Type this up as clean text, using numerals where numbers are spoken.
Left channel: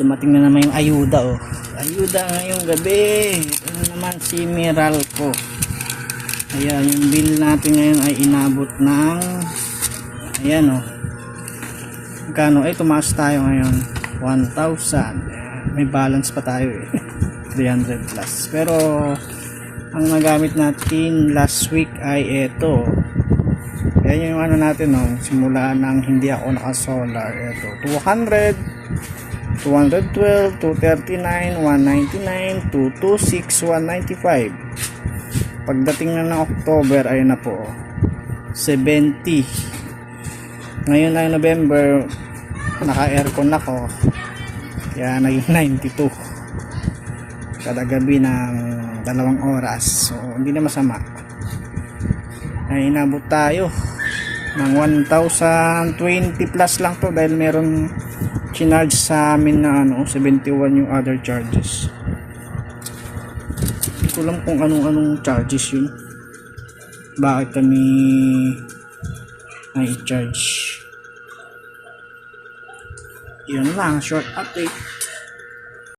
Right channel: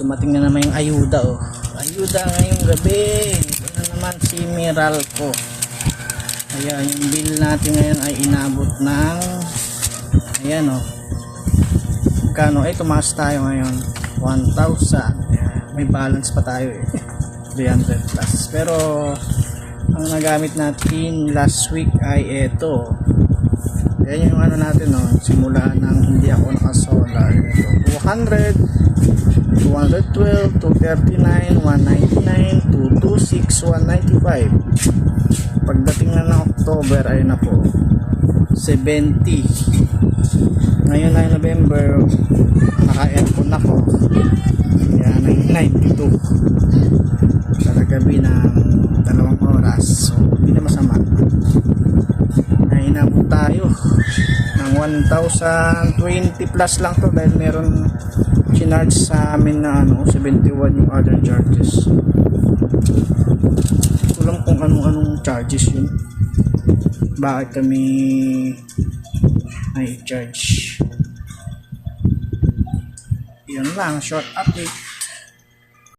Dumating na naman yung ayuda, oh. Ayuda ngayong gabi. Ito na naman si Meralco. Ayan, yung bill natin ngayon ay inabot ng ayan, oh. Magkano? Tumaas tayo ngayon 1,000. Ayan, may balance pa tayo eh. 300 plus. Pero ang nagamit natin last week ay ito. Ayan yung ano natin, oh. Simula ng hindi ako naka-solar. Ito 200, 212, 239, 199, 226, 195. Pagdating na ng October ay na po 70. Ngayon ay November, naka-aircon ako, kaya naging 92 kada gabi ng 2 oras. So hindi na masama. Ay inabot tayo ng 1,020 plus lang to dahil meron chinarge sa amin na 71 yung other charges. Hindi ko alam kung anong charges yun, bakit kami ay charge. Yun lang, short update.